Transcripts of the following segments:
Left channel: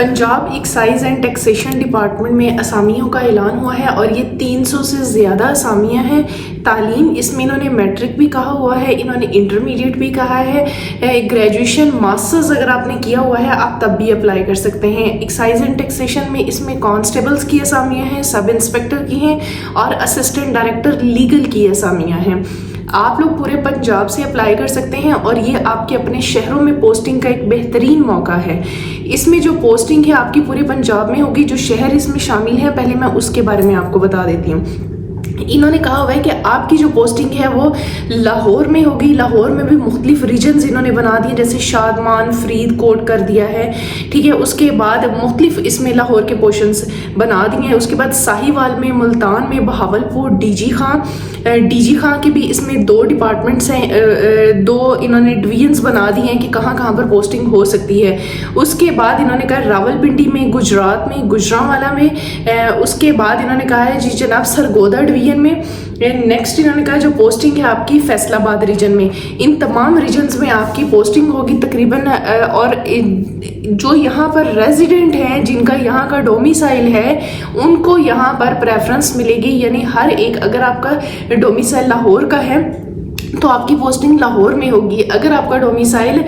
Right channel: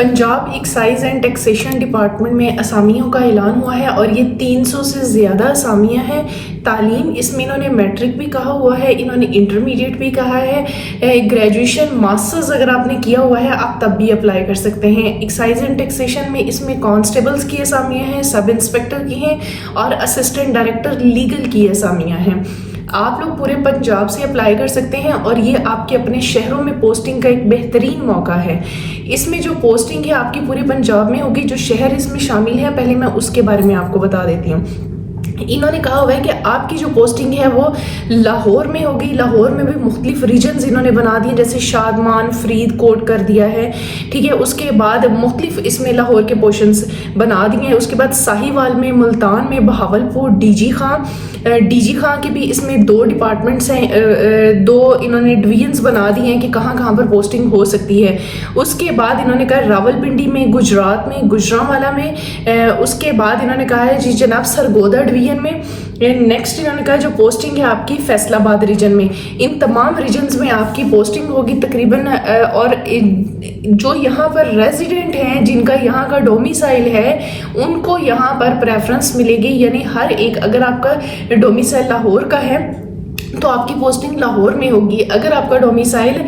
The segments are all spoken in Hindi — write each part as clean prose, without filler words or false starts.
Punjab excise and taxation department में असामियों का ऐलान हुआ है और ये 300 से ज़्यादा असामियाँ हैं। तालीम इसमें इन्होंने मैट्रिक भी कहा हुआ है, इन्होंने इंटरमीडिएट भी कहा है, ग्रेजुएशन मास्टर्स अगर आपने किया हुआ है आप तब भी अप्लाई कर सकते हैं। एक्साइज एंड टैक्सेशन में इसमें कांस्टेबल्स की असामियाँ हैं, सब इंस्पेक्टर की हैं और असिस्टेंट डायरेक्टर लीगल की असामियाँ हैं। आप लोग पूरे पंजाब से अप्लाई कर सकते हैं और ये आपके अपने शहरों में पोस्टिंग का एक बेहतरीन मौका है। इसमें जो पोस्टिंग है आपकी पूरे पंजाब में होगी। जो शहर इसमें शामिल है पहले मैं उसके बारे में आपको बता देती हूँ। इन्होंने कहा हुआ है कि आपकी जो पोस्टिंग है वो लाहौर में होगी। लाहौर में भी मुख्तलिफ रीजन्स इन्होंने बना दिए, जैसे शादमान, फरीदकोट कर दिया है, ठीक है। उसके बाद मुख्तलिफ इसमें लाहौर के पोर्शंस बना दिए हैं। उसके बाद साहिवाल में, मुल्तान में, बहावलपुर, डीजी खां के भी इसमें 2 डिपार्टमेंट्स हैं, 2 इन्होंने डिवीजन्स बना दिए हैं कि कहाँ कहाँ पर पोस्टिंग हो सकती है। उसके बाद इन्होंने कहा रावलपिंडी में, गुजरात में, गुजरांवाला में। उसके बाद इन्होंने कहा है जी जनाब सरगोदा डिवीजन में। नेक्स्ट इन्होंने कहा जो पोस्टिंग है आपकी फैसलाबाद रीजन में। इन तमाम रीजन्स में आपकी पोस्टिंग होगी तकरीबन। और जो यहाँ पर रेजिडेंट हैं, जिनका यहाँ का डोमिसाइल है, उनको यहाँ पर प्रेफरेंस मिलेगी। यानी हर एक, अगर आपका डोमिसाइल लाहौर का है तो आपकी पोस्टिंग लाहौर में होगी। अगर आपका डोमिसाइल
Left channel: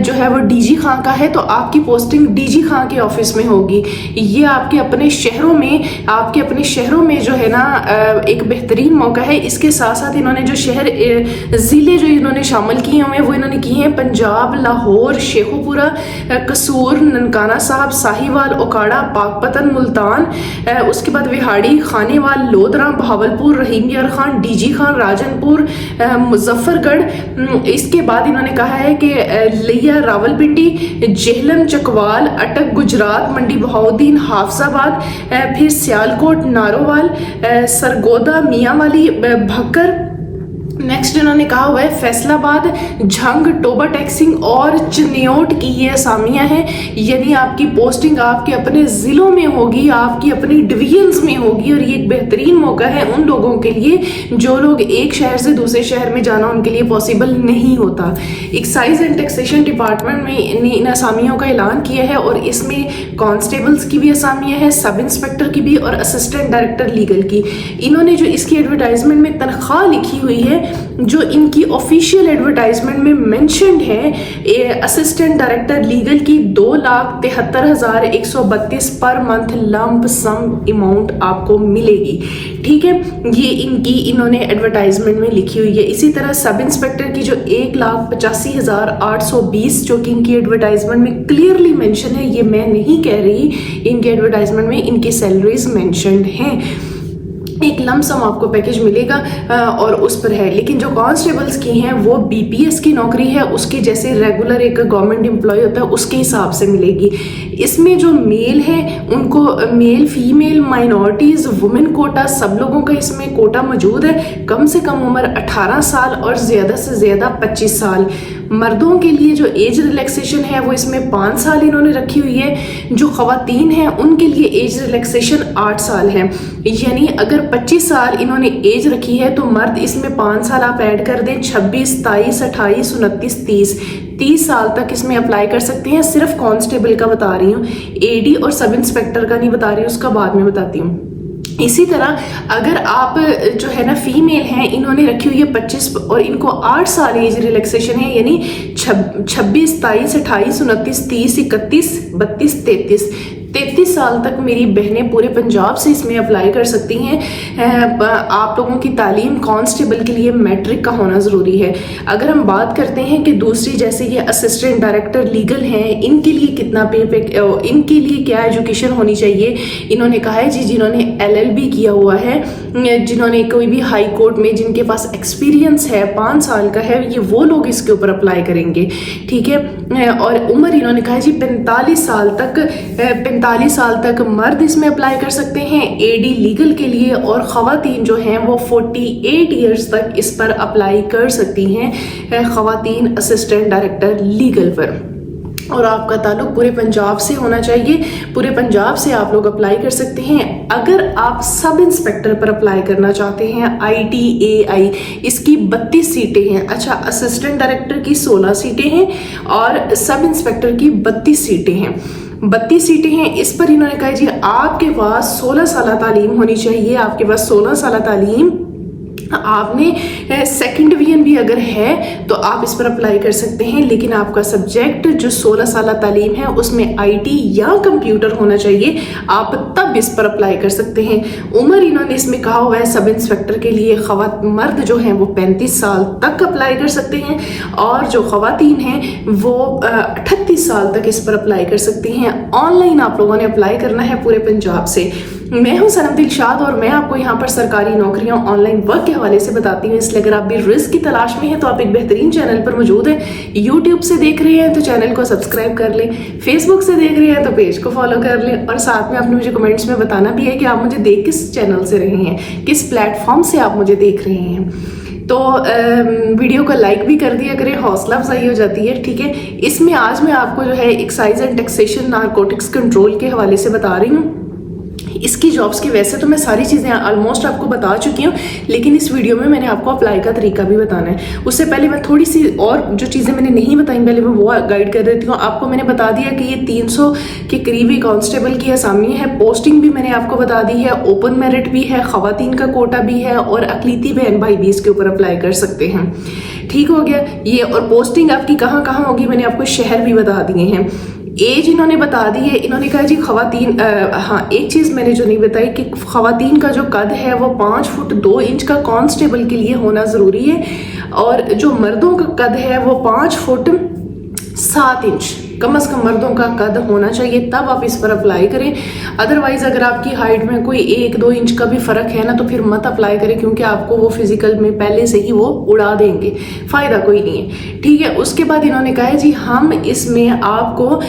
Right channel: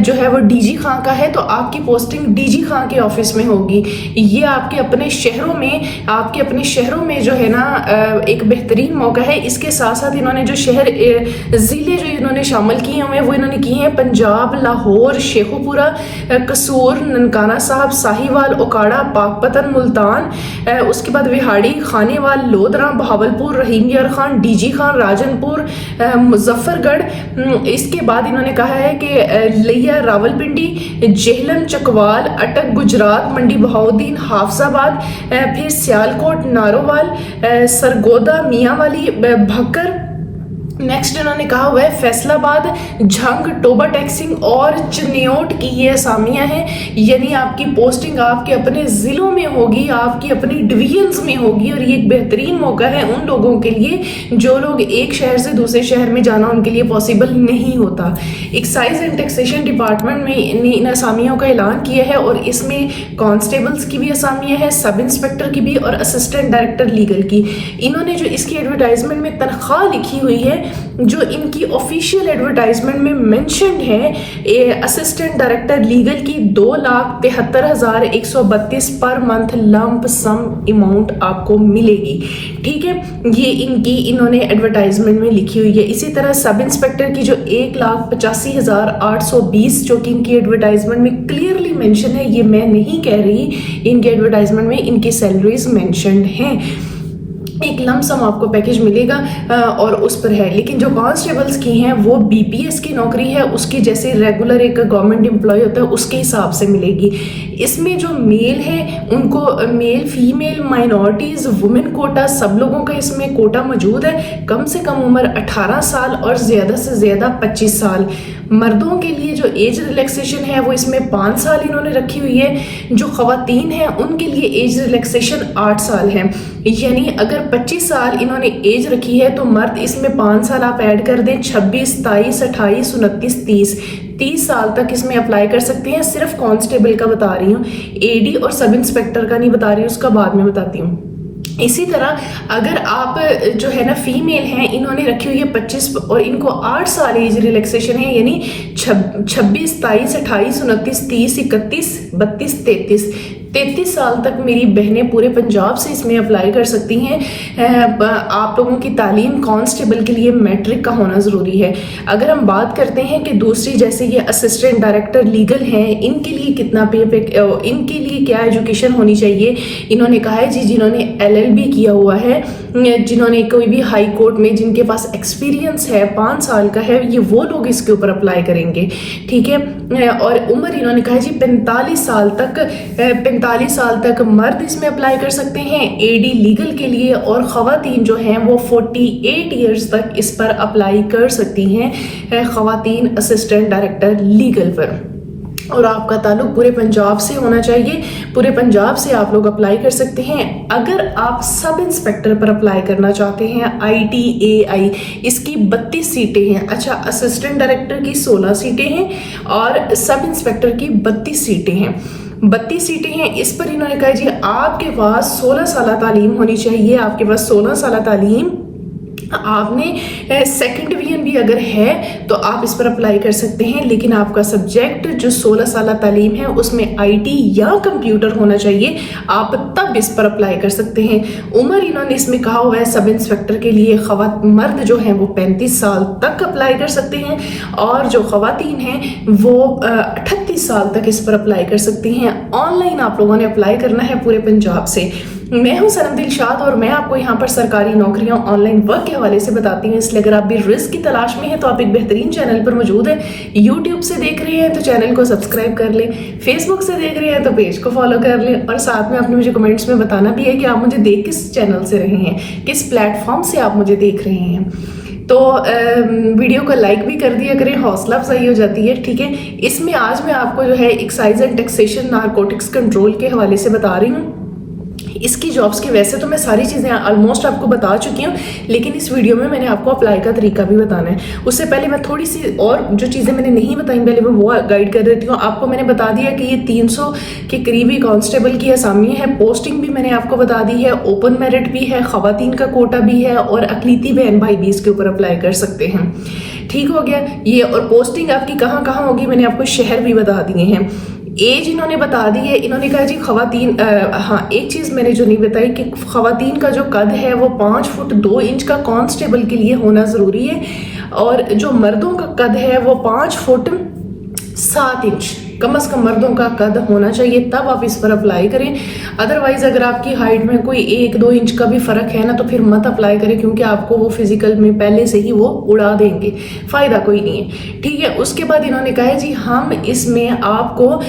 जो है वो डीजी खां का है तो आपकी पोस्टिंग डीजी खां के ऑफिस में होगी। ये आपके अपने शहरों में जो है ना एक बेहतरीन मौका है। इसके साथ साथ इन्होंने जो शहर ज़िले जो इन्होंने शामिल किए हुए हैं वो इन्होंने किए हैं पंजाब, लाहौर, शेखुपुरा, कसूर, ननकाना साहब, साहिवाल, ओकाड़ा, पाकपतन, मुल्तान, उसके बाद विहाड़ी, खानेवाल, लोधरा, बहावलपुर, रहीम यार खान, डीजी खान, राजनपुर, मुजफ्फरगढ़। इसके बाद इन्होंने कहा है कि लिया, रावलपिंडी, जेहलम, चकवाल, अटक, गुजरात, मंडी बहाउद्दीन, हाफजाबाद, फिर सियालकोट, नारोवाल, सरगोदा, मियांवाली, भक्कर। नेक्स्ट इन्होंने कहा हुआ है फैसलाबाद, झंग, टोबा टैक्सिंग और चिन्योट की ये असामियां हैं। यानी आपकी पोस्टिंग आपके अपने ज़िलों में होगी, आपकी अपनी डिवीजन्स में होगी। और ये एक बेहतरीन मौका है उन लोगों के लिए जो लोग एक शहर से दूसरे शहर में जाना उनके लिए पॉसिबल नहीं होता। एक्साइज एंड टैक्सेशन डिपार्टमेंट में इन असामियों का ऐलान किया है और इसमें कांस्टेबल्स की भी असामियाँ हैं, सब इंस्पेक्टर की भी और असिस्टेंट डायरेक्टर लीगल की। इन्होंने जो इसकी एडवर्टाइजमेंट में तनख्वाह लिखी हुई है, जो इनकी ऑफिशियल एडवर्टाइजमेंट में मेंशन्ड है, असिस्टेंट डायरेक्टर लीगल की 2,73,132 per month lump some amount आपको मिलेगी, ठीक है। ये इनकी इन्होंने एडवर्टाइजमेंट में लिखी हुई है। इसी तरह सब इंस्पेक्टर की जो 1,85,820 जो कि इनकी एडवर्टाइजमेंट में क्लियरली मेंशन है, ये मैं नहीं कह रही, इनकी एडवर्टाइजमेंट में इनकी सैलरीज मेंशन्ड हैं। एक लमसम आपको पैकेज मिलेगा और उस पर है। लेकिन जो कांस्टेबल्स की हैं वो बीपीएस की नौकरी है, उसकी जैसे रेगुलर एक गवर्नमेंट एम्प्लॉय होता है उसके हिसाब से मिलेगी। इसमें जो मेल है उनको male, female, minorities, women quota, सब लोगों का इसमें कोटा मौजूद है। कम से कम उम्र 18 साल और ज़्यादा से ज़्यादा 25 साल। मर्दों के लिए जो एज रिलैक्सेशन है वो इसमें 5 साल इन्होंने रखी हुई है। जो ख़वातीन हैं उनके लिए एज रिलैक्सेशन 8 साल है। यानी अगर 25 साल इन्होंने एज रखी है तो मर्द इसमें 5 साल आप ऐड कर दें, 26, 27, 28, 29, 30 साल तक इसमें अप्लाई कर सकते हैं। सिर्फ कांस्टेबल का बता रही हूँ, एडी और सब इंस्पेक्टर का नहीं बता रही हूँ, उसका बाद में बताती हूँ। इसी तरह अगर आप जो है ना फीमेल हैं, इन्होंने रखी हुई है 25 और इनको 8 साल एज रिलैक्सेशन है। यानी 26, 27, 28, 29, 30, 31, 32, 33 साल तक मेरी बहनें पूरे पंजाब से इसमें अप्लाई कर सकती हैं। आप लोगों की तालीम कांस्टेबल के लिए मैट्रिक का होना ज़रूरी है। अगर हम बात करते हैं कि दूसरी जैसे ये असिस्टेंट डायरेक्टर लीगल हैं, इनके लिए कितना इनके लिए क्या एजुकेशन होनी चाहिए, इन्होंने कहा है जी जिन्होंने LLB किया हुआ है, जिन्होंने कोई भी हाई कोर्ट में जिनके पास एक्सपीरियंस है 5 साल का है, ये वो लोग इसके ऊपर अप्लाई करेंगे, ठीक है। और उम्र इन्होंने कहा है जी 45 साल तक मर्द इसमें अप्लाई कर सकते हैं एडी लीगल के लिए, और ख़वातीन जो हैं वो 48 ईयर्स तक इस पर अप्लाई कर सकती हैं, ख़वातीन असिस्टेंट डायरेक्टर लीगल पर। और आपका ताल्लुक पूरे पंजाब से होना चाहिए, पूरे पंजाब से आप लोग अप्लाई कर सकते हैं। अगर आप सब इंस्पेक्टर पर अप्लाई करना चाहते हैं ITAI, इसकी 32 सीटें हैं। अच्छा, असिस्टेंट डायरेक्टर की 16 सीटें हैं और सब इंस्पेक्टर की 32 सीटें हैं। 32 सीटें हैं। इस पर इन्होंने कहा जी आपके पास 16 साल तालीम होनी चाहिए, आपके पास 16 साल तालीम, आपने सेकंड डिवीजन भी अगर है तो आप इस पर अप्लाई कर सकते हैं, लेकिन आपका सब्जेक्ट जो 16 साल तालीम है उसमें आईटी या कंप्यूटर होना चाहिए, आप तब इस पर अप्लाई कर सकते हैं। उम्र इन्होंने इसमें कहा हुआ है सब इंस्पेक्टर के लिए मर्द जो हैं वो 35 साल तक अप्लाई कर सकते हैं और जो खवातीन हैं वो 38 साल तक इस पर अप्लाई कर सकती हैं। ऑनलाइन आप लोगों ने अप्लाई करना है पूरे पंजाब से। मैं हूं सनम दिलशाद और मैं आपको यहाँ पर सरकारी नौकरियां ऑनलाइन वर्क के हवाले से बताती हूँ, इसलिए अगर आप भी रिस्क की तलाश में हैं तो आप एक बेहतरीन चैनल पर मौजूद है। यूट्यूब से देख रहे हैं तो चैनल को सब्सक्राइब कर लें, फेसबुक से देख रहे हैं तो पेज को फॉलो कर लें और साथ में आपने मुझे कमेंट्स में बताना भी है कि आप मुझे देख किस चैनल से रहे हैं, किस प्लेटफॉर्म से आप मुझे देख रहे हैं। तो वीडियो को लाइक भी कर दिया करें, हौसला अफजाई हो जाती है, ठीक है। इसमें आज मैं आपको जो है excise and taxation narcotics control के हवाले से बता रही हूँ। इसकी जॉब्स की वैसे तो मैं सारी चीज़ें ऑलमोस्ट आपको बता चुकी हूँ, लेकिन इस वीडियो में मैंने आपको अप्लाई का तरीका भी बताना है। उससे पहले मैं थोड़ी सी और जो चीज़ें मैंने नहीं बताई पहले मैं वो गाइड कर देती हूँ। आपको मैंने बता दिया कि ये 300 के करीबी कांस्टेबल की असामी है, पोस्टिंग भी मैंने आपको बता दी है, ओपन मेरिट भी है, खवातीन का कोटा भी है और अकलीती बहन भाई भी इसके ऊपर अप्लाई कर सकते हैं। ठीक हो गया ये। और पोस्टिंग आपकी कहाँ कहाँ होगी मैंने आपको शहर भी बता दिए हैं। एज इन्होंने बता दी है, इन्होंने कहा जी खवातीन, हाँ एक चीज़ मैंने जो नहीं बताई कि खवातीन का जो कद है वो 5 फुट 2 इंच का कांस्टेबल के लिए होना ज़रूरी है और जो मर्दों का कद है वो 5 फुट 7 इंच कम से कम मर्दों का कद होना चाहिए, तब आप इस पर अप्लाई करें। अदरवाइज अगर आपकी हाइट में कोई 1-2 इंच का भी फर्क है ना तो फिर मत अप्लाई करें, क्योंकि आपको वो फिजिकल में पहले से ही वो उड़ा देंगे, फायदा कोई नहीं है, ठीक है। उसके बाद इन्होंने कहा है जी हम इसमें आपको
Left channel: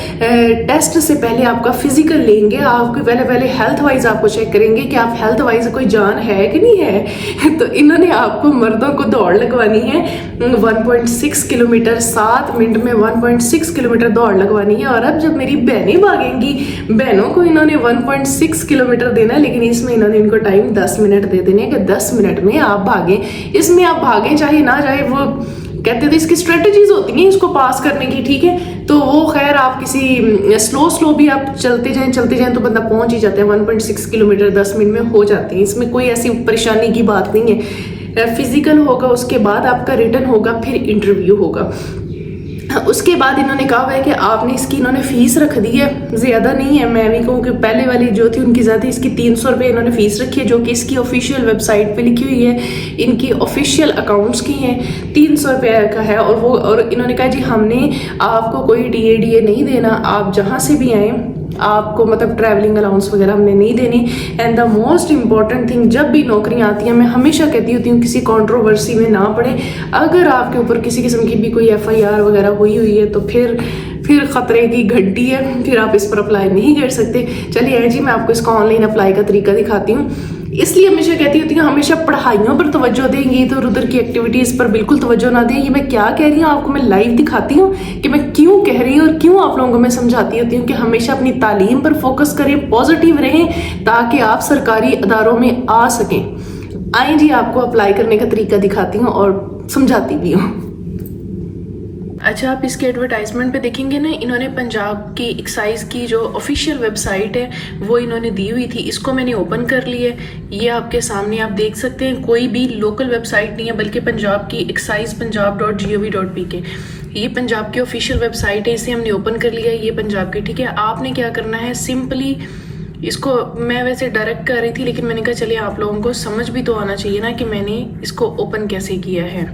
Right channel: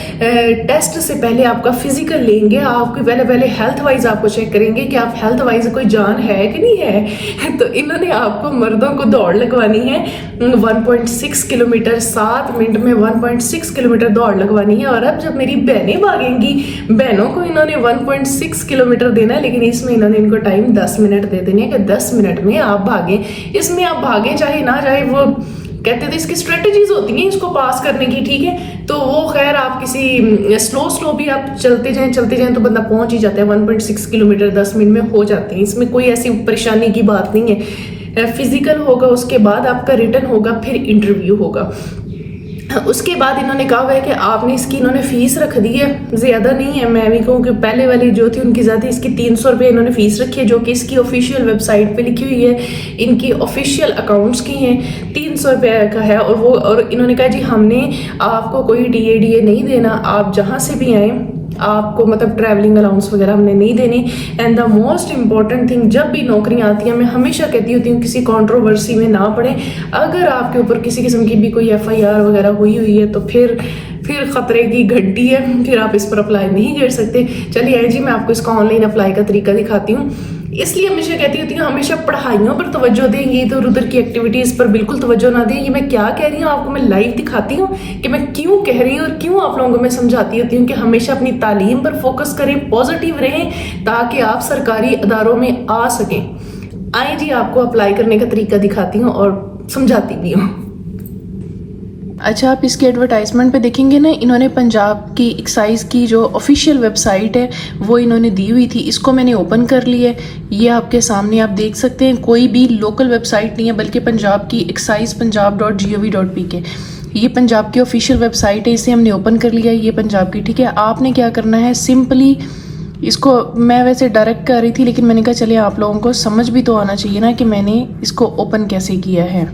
टेस्ट से पहले आपका फिजिकल लेंगे, आपकी पहले हेल्थ वाइज आपको चेक करेंगे कि आप हेल्थ वाइज कोई जान है कि नहीं है। तो इन्होंने आपको मर्दों को दौड़ लगवानी है 1.6 किलोमीटर, 7 मिनट में 1.6 किलोमीटर दौड़ लगवानी है। और अब जब मेरी बहनें भागेंगी, बहनों को इन्होंने 1.6 किलोमीटर देना है, लेकिन इसमें इन्होंने इनको टाइम 10 मिनट दे देने कि 10 मिनट में आप भागें। इसमें आप भागें चाहे ना चाहे, वो कहते थे इसकी स्ट्रेटजीज होती हैं इसको पास करने की, ठीक है। तो वो खैर आप किसी स्लो भी आप चलते जाएं तो बंदा पहुंच ही जाता है। 1.6 किलोमीटर 10 मिनट में हो जाते हैं, इसमें कोई ऐसी परेशानी की बात नहीं है। फिजिकल होगा, उसके बाद आपका रिटर्न होगा, फिर इंटरव्यू होगा। उसके बाद इन्होंने कहा हुआ है कि आपने इसकी इन्होंने फीस रख दी है, ज़्यादा नहीं है। मैं भी कहूँ कि पहले वाली जो थी उनकी ज़्यादा, इसकी 300 रुपये इन्होंने फीस रखी है, जो कि इसकी ऑफिशियल वेबसाइट पे लिखी हुई है, इनकी ऑफिशियल अकाउंट्स की हैं, 300 रुपये का है। और इन्होंने कहा जी हमने आपको कोई DA नहीं देना, आप जहाँ से भी आएँ आपको मतलब ट्रैवलिंग अलाउंस वगैरह हमने नहीं देनी। And the most important thing, जब भी नौकरियां आती हैं मैं हमेशा कहती होती हूँ किसी कंट्रोवर्सी में ना पड़े। अगर आपके ऊपर किसी किस्म की भी कोई FIR वगैरह हुई है तो फिर खतरे की घंटी है, फिर आप इस पर अप्लाई नहीं कर सकते। चलिए जी मैं आपको इसका ऑनलाइन अप्लाई का तरीका दिखाती हूँ। इसलिए हमेशा कहती होती हूँ हमेशा पढ़ाइयों पर तवज्जो दें, ये इधर उधर की एक्टिविटीज़ पर बिल्कुल तवज्जो ना दें। ये मैं क्या कह रही हूँ आपको मैं लाइव दिखाती हूँ कि मैं क्यों कह रही हूँ और क्यों आप लोगों को मैं समझाती होती हूँ कि हमेशा अपनी तालीम पर फोकस करें, पॉजिटिव रहें, ताकि आप सरकारी अदारों में आ सकें। आए जी आपको अप्लाई करने का तरीका दिखाती हूँ और समझाती भी हूँ। अच्छा, आप इसके एडवर्टाइजमेंट पे देखेंगे ना, इन्होंने पंजाब की एक्साइज की जो ऑफिशियल वेबसाइट है वो इन्होंने दी हुई थी, इसको मैंने ओपन कर लिया है। ये आपके सामने आप देख सकते हैं, कोई भी लोकल वेबसाइट नहीं है बल्कि पंजाब की excise.punjab.gov.pk, ये पंजाब की ऑफिशियल वेबसाइट है। इसे हमने ओपन कर लिया है, ये पंजाब की, ठीक है। आपने क्या करना है, सिंपली इसको, मैं वैसे डायरेक्ट कर रही थी लेकिन मैंने कहा चलिए आप लोगों को समझ भी तो आना चाहिए ना कि मैंने इसको ओपन कैसे किया है।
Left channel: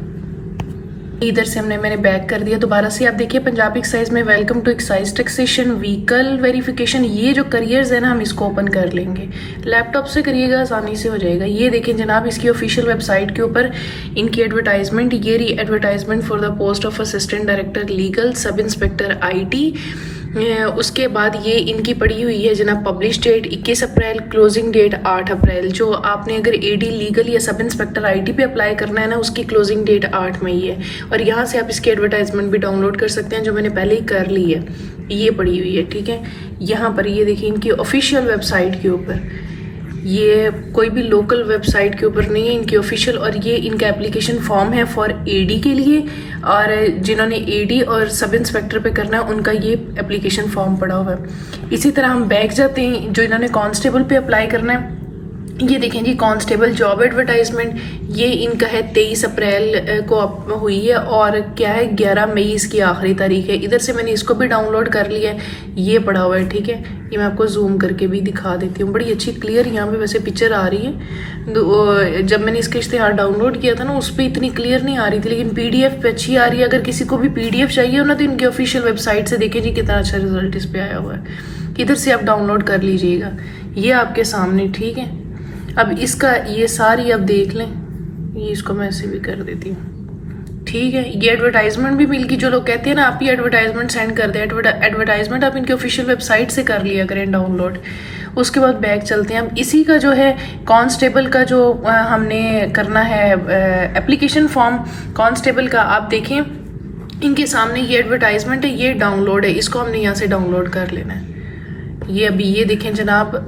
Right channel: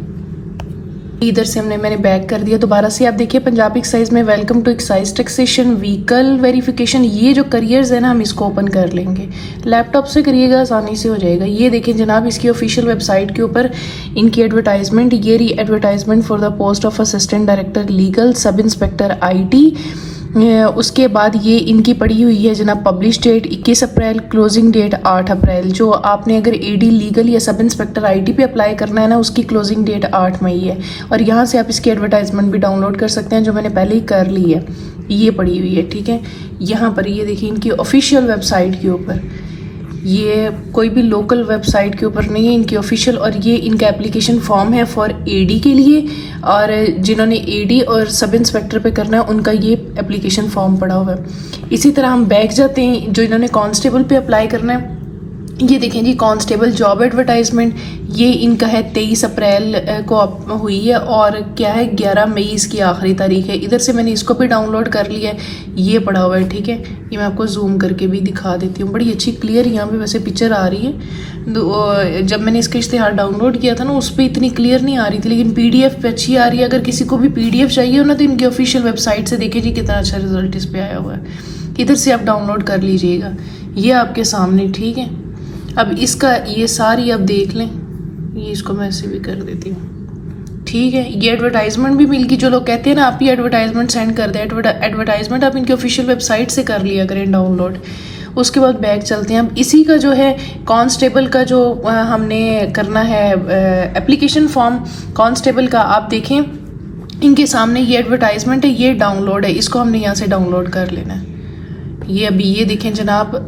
इधर से मैंने बैक कर दिया। दोबारा से आप देखिए पंजाब एक्साइज में welcome to excise taxation vehicle verification, ये जो करियर्स है ना हम इसको ओपन कर लेंगे। लैपटॉप से करिएगा आसानी से हो जाएगा। ये देखें जनाब, इसकी ऑफिशियल वेबसाइट के ऊपर इनकी एडवर्टाइजमेंट, ये रही advertisement for the post of assistant director legal sub inspector IT। उसके बाद ये इनकी पड़ी हुई है जनाब पब्लिश डेट 21 अप्रैल, क्लोजिंग डेट 8 अप्रैल। जो आपने अगर AD लीगल या सब इंस्पेक्टर IT पे अप्लाई करना है ना, उसकी क्लोजिंग डेट 8 मई है। और यहाँ से आप इसकी एडवर्टाइजमेंट भी डाउनलोड कर सकते हैं, जो मैंने पहले ही कर ली है, ये पड़ी हुई है, ठीक है। यहाँ पर ये देखिए इनकी ऑफिशियल वेबसाइट के ऊपर, ये कोई भी लोकल वेबसाइट के ऊपर नहीं है, इनकी ऑफिशियल, और ये इनका एप्लीकेशन फॉर्म है फॉर एडी के लिए, और जिन्होंने एडी और सब इंस्पेक्टर पे करना है उनका ये एप्लीकेशन फॉर्म पड़ा हुआ है। इसी तरह हम बैक जाते हैं, जो इन्होंने कांस्टेबल पे अप्लाई करना है, ये देखें जी कांस्टेबल जॉब एडवर्टाइजमेंट, ये इनका है 23 अप्रैल को हुई है, और क्या है 11 मई इसकी आखिरी तारीख है। इधर से मैंने इसको भी डाउनलोड कर लिया है, ये पड़ा हुआ है, ठीक है। ये मैं आपको जूम करके भी दिखा देती हूँ, बड़ी अच्छी क्लियर यहाँ पे वैसे पिक्चर आ रही है। जब मैंने इसका इश्तिहार डाउनलोड किया था ना, उस पर इतनी क्लियर नहीं आ रही थी, लेकिन PDF पे अच्छी आ रही है। अगर किसी को भी PDF चाहिए हो ना, तो इनकी ऑफिशियल वेबसाइट से देखें जी कितना अच्छा रिजल्ट इस पर आया हुआ है। इधर से आप डाउनलोड कर लीजिएगा, ये आपके सामने, ठीक है। अब इसका ये सारी आप देख लें, ये इसको मैं ऐसे भी कर देती हूँ, ठीक है। ये एडवर्टाइजमेंट भी मिल गई, जो लोग कहते हैं ना आप ही एडवर्टाइजमेंट सेंड कर दें, एडवर्टाइजमेंट आप इनकी ऑफिशियल वेबसाइट से कर लिया करें डाउनलोड। उसके बाद बैक चलते हैं हम, इसी का जो है कांस्टेबल का जो हमने करना है एप्लीकेशन फॉर्म कांस्टेबल का, आप देखें इनके सामने ये एडवर्टाइजमेंट है, ये डाउनलोड है, इसको हमने यहाँ से डाउनलोड कर लेना है। ये अभी ये देखें जनाब,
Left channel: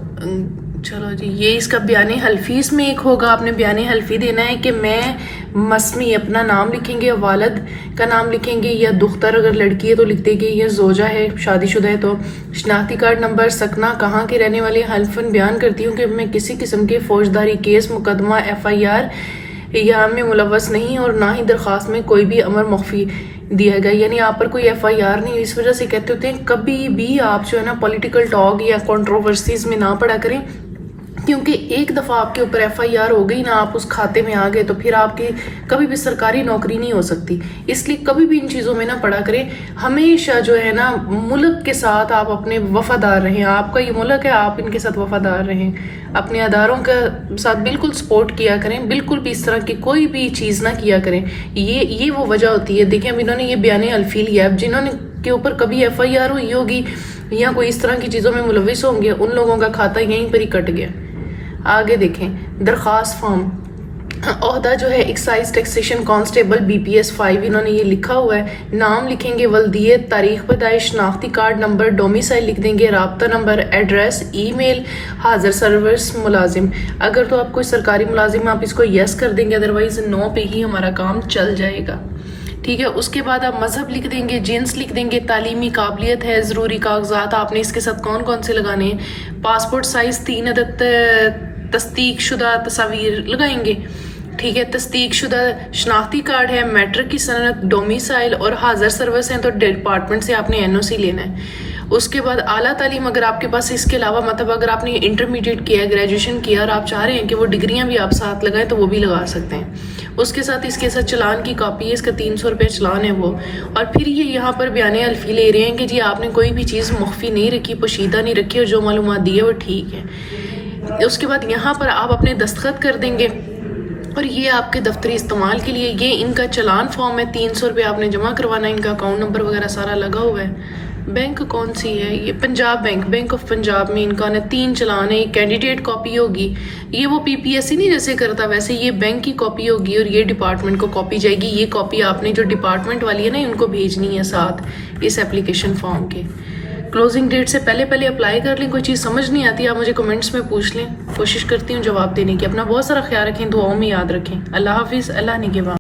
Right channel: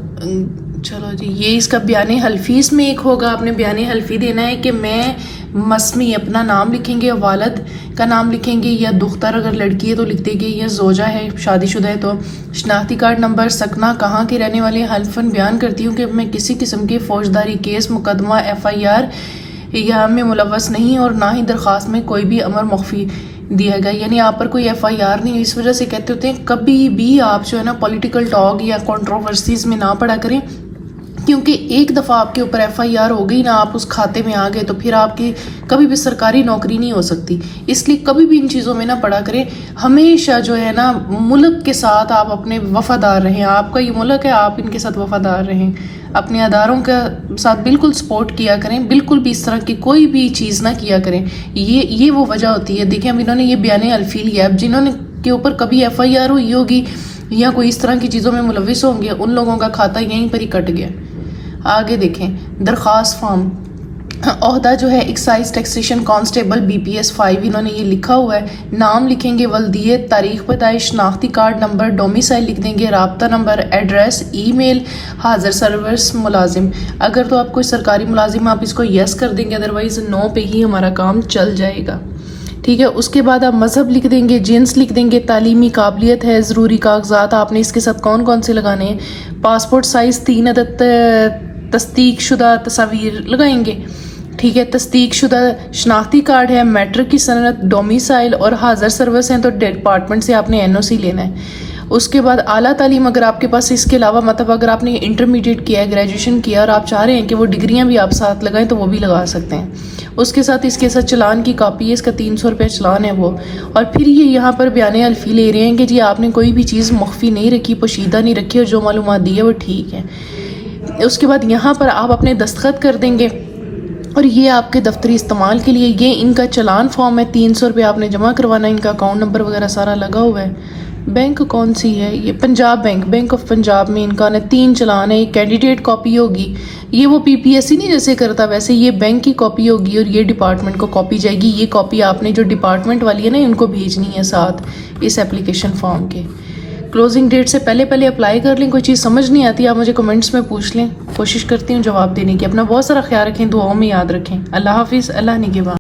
चलो जी, ये इसका बयान हल्फी इसमें एक होगा, आपने बयान हल्फी देना है कि मैं मसमी अपना नाम लिखेंगे, वालद का नाम लिखेंगे, या दुख्तर अगर लड़की है तो लिख देंगे, या जोजा है शादीशुदा है तो शनाख्ती कार्ड नंबर, सकना, कहाँ के रहने वाले, हल्फन बयान करती हूँ कि मैं किसी किस्म के फौजदारी केस, मुकदमा, FIR या में मुलव्वस नहीं, और ना ही दरख्वास्त में कोई भी अमर मख्फी दिया गया, यानी आप पर कोई FIR नहीं। इस वजह से कहते होते हैं कभी भी आप जो है ना पॉलिटिकल टॉक या कंट्रोवर्सीज में ना पड़ा करें, क्योंकि एक दफ़ा आपके ऊपर FIR हो गई ना, आप उस खाते में आ गए, तो फिर आपकी कभी भी सरकारी नौकरी नहीं हो सकती। इसलिए कभी भी इन चीज़ों में ना पड़ा करें। हमेशा जो है ना मुल्क के साथ आप अपने वफादार रहें, आपका ये मुल्क है, आप इनके साथ वफादार रहें, अपने अदारों का साथ बिल्कुल सपोर्ट किया करें, बिल्कुल भी इस तरह की कोई भी चीज़ ना किया करें। ये वो वजह होती है। देखें अब इन्होंने ये बयान अल्फी लिया, अब जिन्होंने के ऊपर कभी FIR हुई होगी या कोई इस तरह की चीज़ों में मुलविस होंगे, उन लोगों का खाता यहीं पर ही कट गया। आगे देखें दरख्वास्त फॉर्म, ओहदा जो है एक्साइज टैक्सेशन कांस्टेबल BPS 5, इन्होंने ये लिखा हुआ है। नाम लिखेंगे वल्दियत, तारीख पैदाइश, शनाख्ती कार्ड नंबर, डोमिसाइल लिख देंगे, राब्ता नंबर, एड्रेस, ईमेल, हाजिर सर्विस मुलाजिम। अगर तो आप कोई सरकारी मुलाजिम आप इसको यस कर देंगे, अदरवाइज नो पे ही हमारा काम चल जाएगा, ठीक है। उसके बाद आप मज़हब लिख देंगे, जिन्स लिख देंगे, तालीमी काबिलियत है, ज़रूरी कागजात आपने इसके साथ कौन कौन से लगाने हैं, पासपोर्ट साइज़ 3 अदद तस्दीक शुदा तस्वीर लगाएंगे, ठीक है। तस्दीक शुदा शनाख्ती कार्ड है, मैट्रिक की सनत, डोमिसाइल और हाजिर सर्विस हैं तो डिपार्टमेंट से आपने NOC लेना है। उसके बाद आला तालीम, अगर आपके पास इसके अलावा मतलब अगर आपने इंटरमीडिएट किया है, ग्रेजुएशन किया और आप चाह रहे हैं कि वो डिग्रियां भी आप साथ लगाएं तो वो भी लगा सकते हैं। उसके साथ इसके साथ चलान की कॉपी है, इसका 300 रुपये चलान है वो। और फिर ये यहाँ पर बयान अल्फी ले रहे हैं कि जी आपने कोई भी चीज़ मख्फी नहीं रखी, पोशीदा नहीं रखी, और जो मालूमात दी है वो ठीक है। उसके बाद यहाँ पर आप अपने दस्तखत कर देंगे, और ये आपके दफ्तरी इस्तेमाल के लिए ये इनका चलान फॉर्म है, 300 रुपये आपने जमा करवाना है। इनका अकाउंट नंबर वगैरह सारा लगा हुआ है। बैंक कौन सी है ये, Punjab bank, bank of Punjab में इनका ना 3 चलान है। ये कैंडिडेट कॉपी होगी, ये वो PPSC नहीं जैसे करता वैसे ये बैंक की कॉपी होगी, और ये डिपार्टमेंट को कॉपी जाएगी। ये कॉपी आपने जो डिपार्टमेंट वाली है ना इनको भेजनी है साथ इस एप्लीकेशन फॉर्म के। क्लोजिंग डेट से पहले पहले अप्लाई कर लें। कोई चीज़ समझ नहीं आती आप मुझे कमेंट्स में पूछ लें, कोशिश करती हूँ जवाब देने की। अपना बहुत सारा ख्याल रखें, दुआओं में याद रखें। अल्लाह हाफिज़, अल्लाह निगहबान।